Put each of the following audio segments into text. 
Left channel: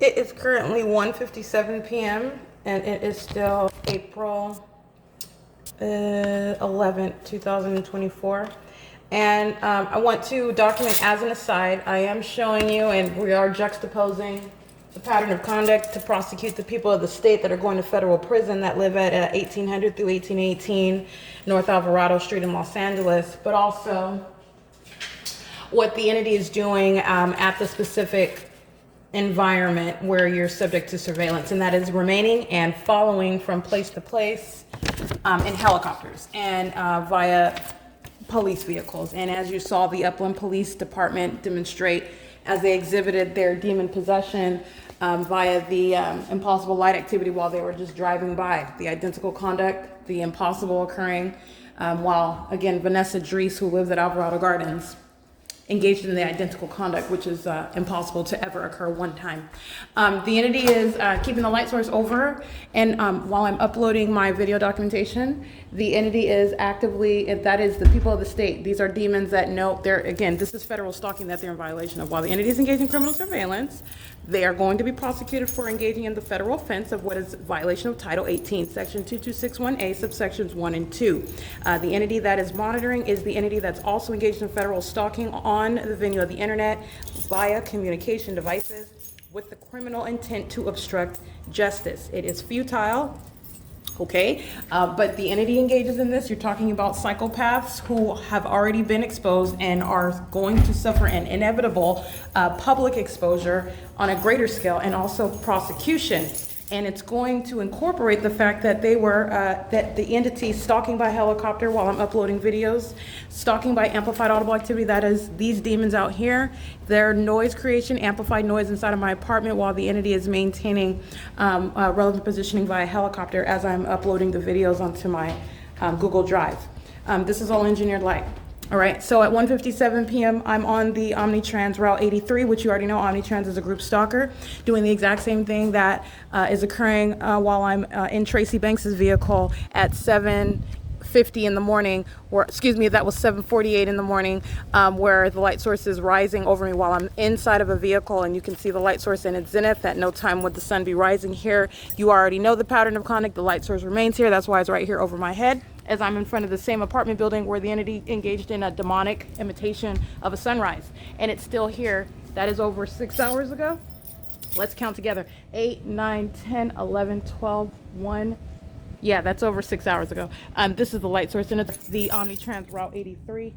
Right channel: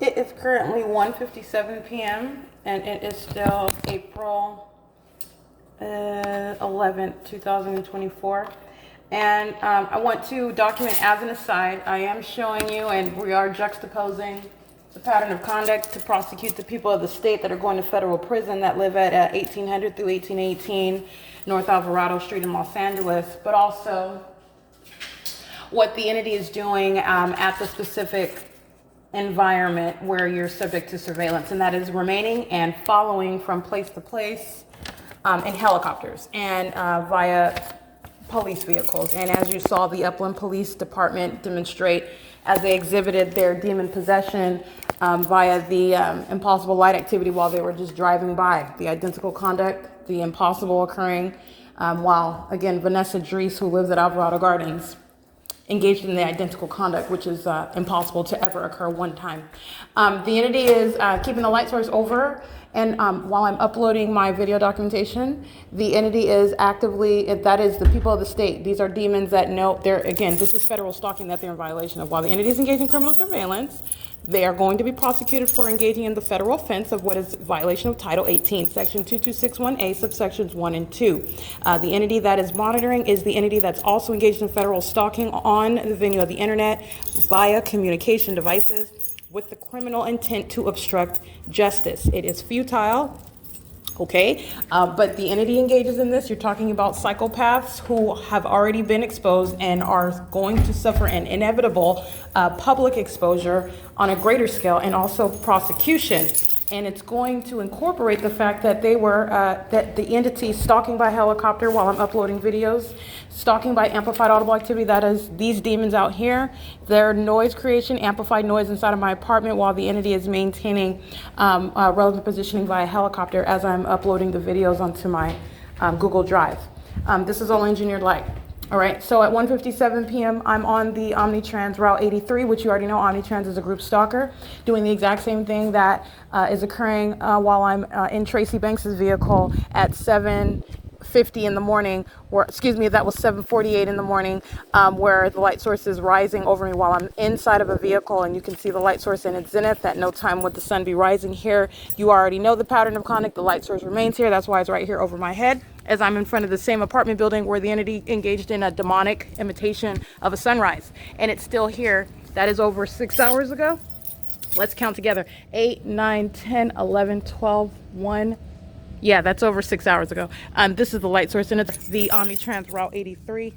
It is currently 1:57 p.m. and it is still April 11th, 2024. And I want to document as an aside, I am showing you and we are juxtaposing the pattern of conduct to prosecute the people of the state that are going to federal prison that live at 1800 through 1818 North Alvarado Street in Los Angeles, but also what the entity is doing at the specific environment where you're subject to surveillance, and that is remaining and following from place to place in helicopters and via police vehicles. And as you saw the Upland Police Department demonstrate as they exhibited their demon possession via the impossible light activity while they were just driving by, the identical conduct, the impossible occurring while, again, Vanessa Dries, who lives at Alvarado Gardens, engaged in the identical conduct, which is impossible to ever occur one time. The entity is keeping the light source over, and while I'm uploading my video documentation, the entity is actively, that is the people of the state. These are demons that know they're, again, this is federal stalking that they're in violation of. While the entity is engaging in criminal surveillance, they are going to be prosecuted for engaging in the federal offense of what is violation of Title 18, Section 2261A, subsections 1 and 2. The entity that is monitoring is the entity that's also engaged in federal stalking on the venue of the internet via communication devices with the criminal intent to obstruct justice. It is futile. Okay, but the entity engages in this. You're talking about psychopaths who have already been exposed and are going to suffer an inevitable public exposure on a greater scale, and also prosecution. And it's going to incorporate the fact that they were, that the entity stalking by helicopter while I'm uploading videos, stalking by amplified audible activity, that is these demons out here, their noise creation, amplified noise inside of my apartment while the entity is maintaining relevant positioning via helicopter as I'm uploading the videos onto my Google Drive. This is all engineered light. All right, so at 1:57 p.m., I'm on the Omnitrans Route 83, which you already know Omnitrans is a group stalker, doing the exact same thing that is occurring while I'm in Tracy Banks's vehicle at 7:50 in the morning, or excuse me, that was 7:48 in the morning, where the light source is rising over me while I'm inside of a vehicle, and you can see the light source in its zenith. At no time would the sun be rising here. You already know the pattern of conduct. The light source remains here. That's why it's right here over my head, as I'm in front of the same apartment building where the entity engaged in a demonic imitation of a sunrise. And it's still here. That is over 6 hours ago. Let's count together. 8, 9, 10, 11, 12, 1. Yeah, that's over 6 hours ago. This is the light source, and it's the Omnitrans Route 83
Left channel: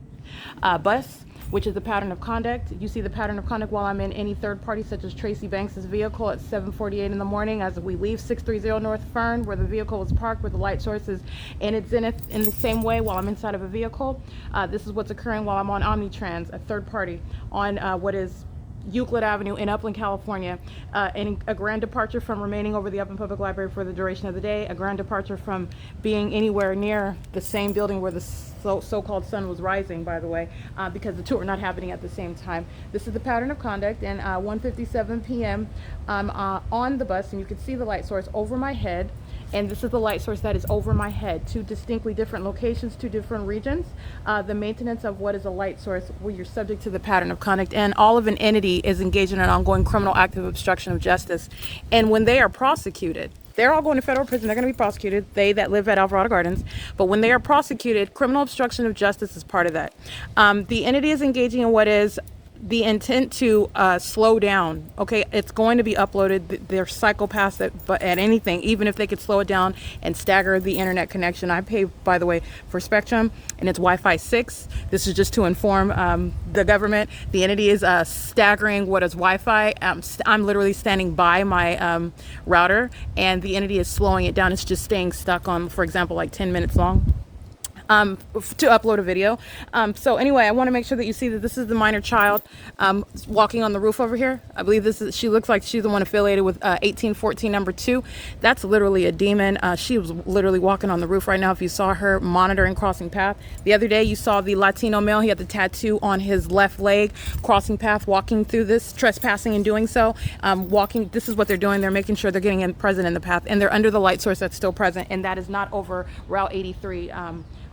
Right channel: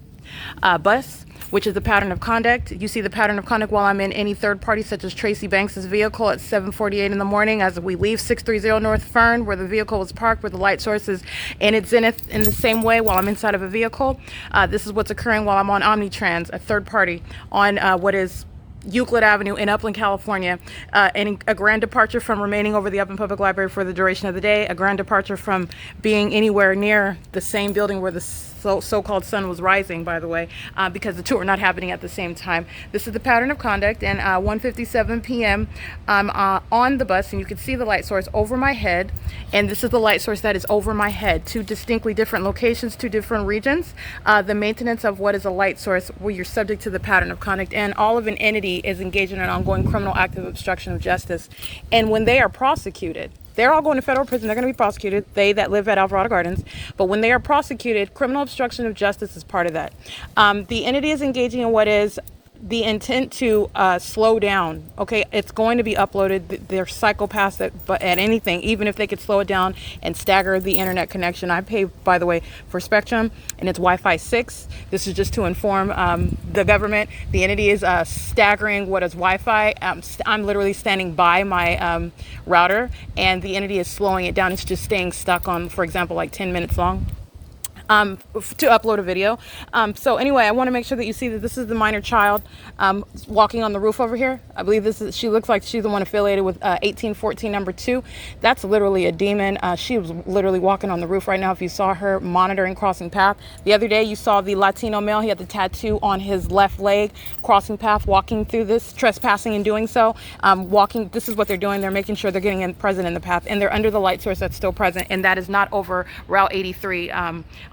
bus, which is the pattern of conduct. You see the pattern of conduct while I'm in any third party, such as Tracy Banks's vehicle at 7:48 in the morning as we leave 630 North Fern, where the vehicle was parked, where the light source is in its zenith, in the same way while I'm inside of a vehicle. This is what's occurring while I'm on Omnitrans, a third party, on what is Euclid Avenue in Upland, California, and a grand departure from remaining over the Upland Public Library for the duration of the day, a grand departure from being anywhere near the same building where the so-called sun was rising, by the way, because the two are not happening at the same time. This is the pattern of conduct, and 1:57 p.m. I'm on the bus, and you can see the light source over my head, and this is the light source that is over my head. Two distinctly different locations, two different regions. The maintenance of what is a light source where you're subject to the pattern of conduct, and all of an entity is engaged in an ongoing criminal act of obstruction of justice. And when they are prosecuted, they're all going to federal prison. They're going to be prosecuted, they that live at Alvarado Gardens. But when they are prosecuted, criminal obstruction of justice is part of that. The entity is engaging in what is the intent to slow down. Okay, it's going to be uploaded. They're psychopaths at anything, even if they could slow it down and stagger the internet connection. I pay, by the way, for Spectrum, and it's Wi-Fi 6. This is just to inform the government. The entity is staggering what is Wi-Fi. I'm literally standing by my router, and the entity is slowing it down. It's just staying stuck on, for example, like 10 minutes long. To upload a video. So anyway, I want to make sure that you see that this is the minor child walking on the roof over here. I believe she looks like she's the one affiliated with 1814 number 2. That's literally a demon. She was literally walking on the roof right now. If you saw her monitoring crossing path. The other day you saw the Latino male. He had the tattoo on his left leg, crossing path, walking through this, trespassing and doing so. Walking, this is what they're doing. They're making sure they're getting present in the path, and they're under the light source that's still present, and that is not over Route 83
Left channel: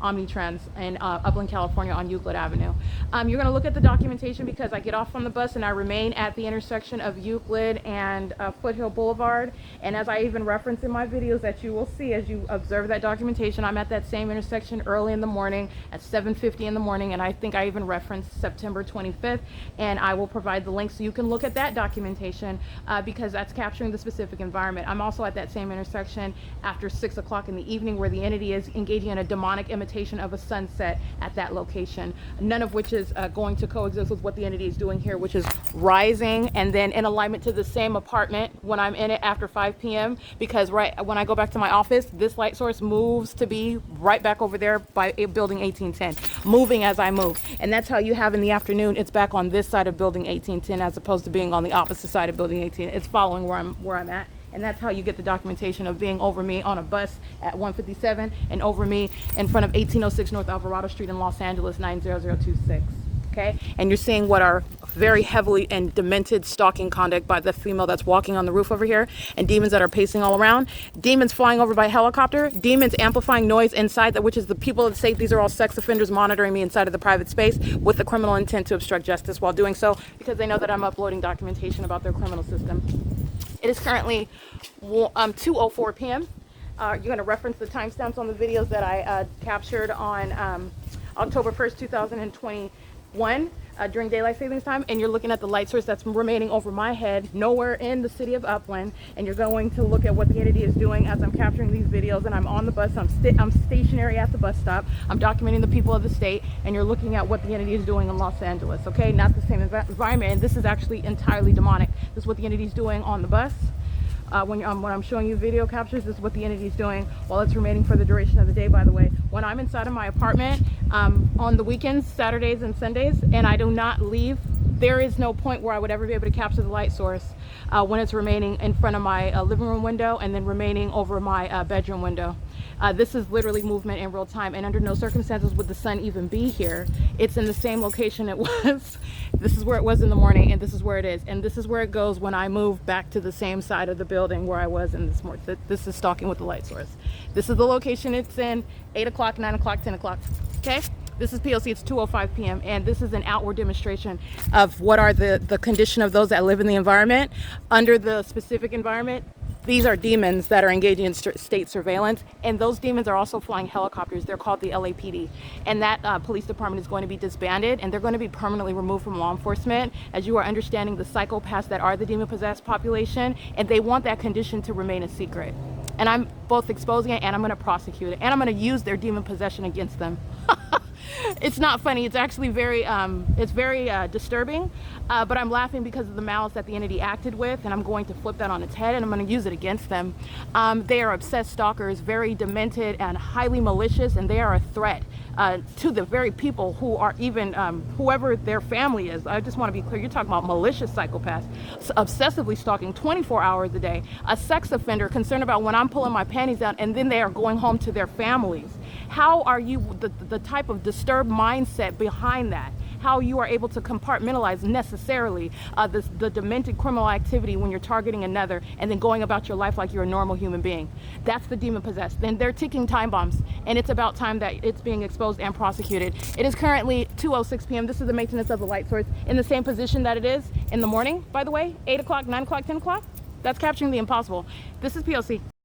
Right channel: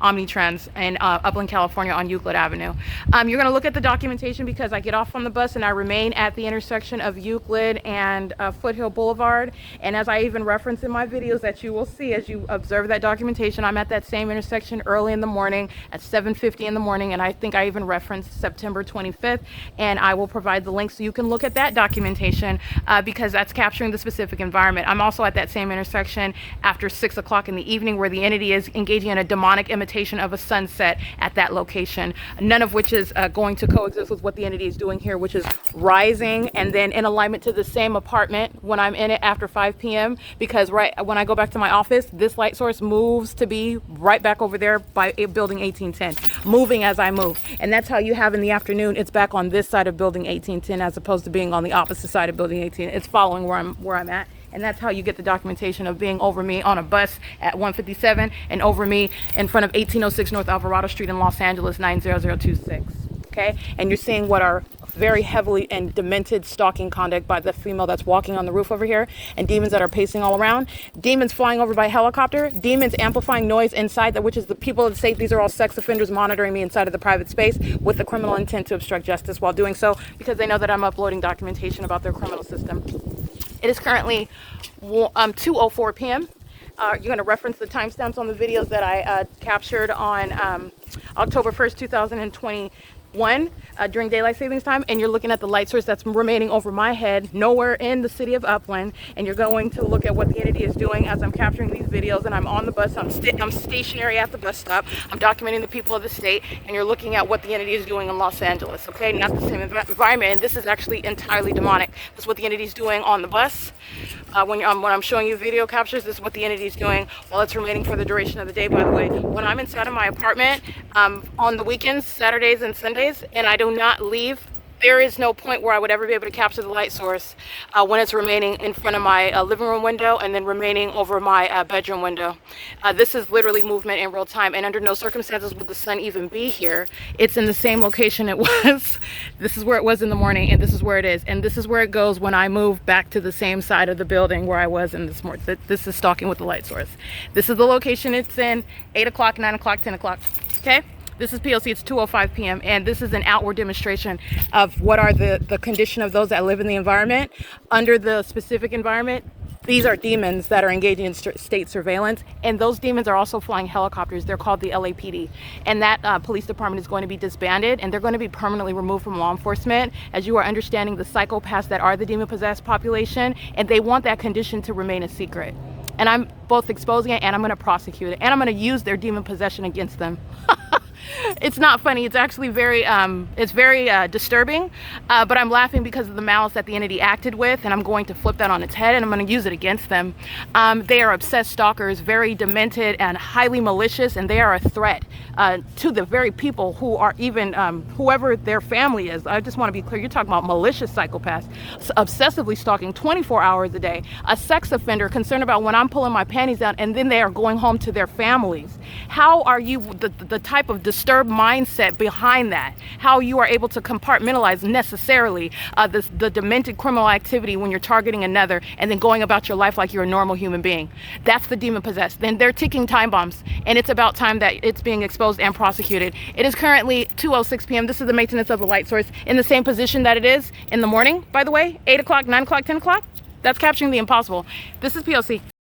Omnitrends in Upland, California on Euclid Avenue. You're going to look at the documentation because I get off on the bus and I remain at the intersection of Euclid and Foothill Boulevard. And as I even reference in my videos that you will see as you observe that documentation, I'm at that same intersection early in the morning at 7:50 in the morning. And I think I even referenced September 25th. And I will provide the link so you can look at that documentation because that's capturing the specific environment. I'm also at that same intersection after 6 o'clock in the evening where the entity is engaging in a demonic imitation of a sunset at that location, none of which is going to coexist with what the entity is doing here, which is rising and then in alignment to the same apartment when I'm in it after 5 p.m. because right when I go back to my office, this light source moves to be right back over there by building 1810, moving as I move. And that's how you have in the afternoon, it's back on this side of building 1810 as opposed to being on the opposite side of building 18. It's following where I'm at. And that's how you get the documentation of being over me on a bus at 157 and over me in front of 1806 North Alvarado Street in Los Angeles 90026. Okay, and you're seeing what are very heavily and demented stalking conduct by the female that's walking on the roof over here, and demons that are pacing all around, demons flying over by helicopter, demons amplifying noise inside, that which is the people that say these are all sex offenders monitoring me inside of the private space with the criminal intent to obstruct justice while doing so because they know that I'm uploading documentation about their criminal system. It is currently 2:04 p.m. You're going to reference the timestamps on the videos that I captured on October 1st, 2021 during daylight savings time, and you're looking at the light source that's remaining over my head nowhere in the city of Upland, and you're going to look at what the entity is doing as I'm capturing these videos and I'm on the bus. I'm stationary at the bus stop. I'm documenting the people of the state, and you're looking at what the entity is doing in Los Angeles, okay? Not the same environment, and this is actually entirely demonic. This is what the entity is doing on the bus. When I'm showing you video captures, this is what the entity is doing while it's remaining for the duration of the day, by the way. When I'm inside of my apartment on the weekends, Saturdays and Sundays, and I do not leave, there is no point where I would ever be able to capture the light source when it's remaining in front of my living room window and then remaining over my bedroom window. This is literally movement in real time, and under no circumstances would the sun even be here. It's in the same location it was. This is where it was in the morning, and this is where it is, and this is where it goes when I move back to the same side of the building where I was in this morning. This is stalking with the light source. This is the location it's in, 8 o'clock, 9 o'clock, 10 o'clock, okay? This is P.O.C. It's 2:05 p.m. and this is an outward demonstration of what are the condition of those that live in the environment. Under the specific environment, these are demons that are engaging in state surveillance, and those demons are also flying helicopters. They're called the LAPD, and that police department is going to be disbanded, and they're going to be permanently removed from law enforcement, as you are understanding the psychopaths that are the demon-possessed population, and they want that condition to remain a secret. And I'm both exposing it, and I'm going to prosecute it, and I'm going to use their demon possession against them. It's not funny. It's actually very disturbing, but I'm laughing because of the malice that the entity acted with, and I'm going to flip that on its head and I'm going to use it against them. They are obsessed stalkers, very demented and highly malicious, and they are a threat to the very people who are even whoever their family is. I just want to be clear, you're talking about malicious psychopaths, obsessively stalking 24 hours a day, a sex offender concerned about when I'm pulling my panties out and then they are going home to their families. How are you, the type of disturbed mindset behind that, how you are able to compartmentalize necessarily the demented criminal activity when you're targeting another and then going about your life like you're a normal human being. That's the demon possessed. Then they're ticking time bombs, and it's about time that it's being exposed and prosecuted. It is currently 2:06 p.m. This is the maintenance of the light source in the same position that it is in the morning, by the way, 8 o'clock, 9 o'clock, 10 o'clock. That's capturing the impossible. This is P.O.C.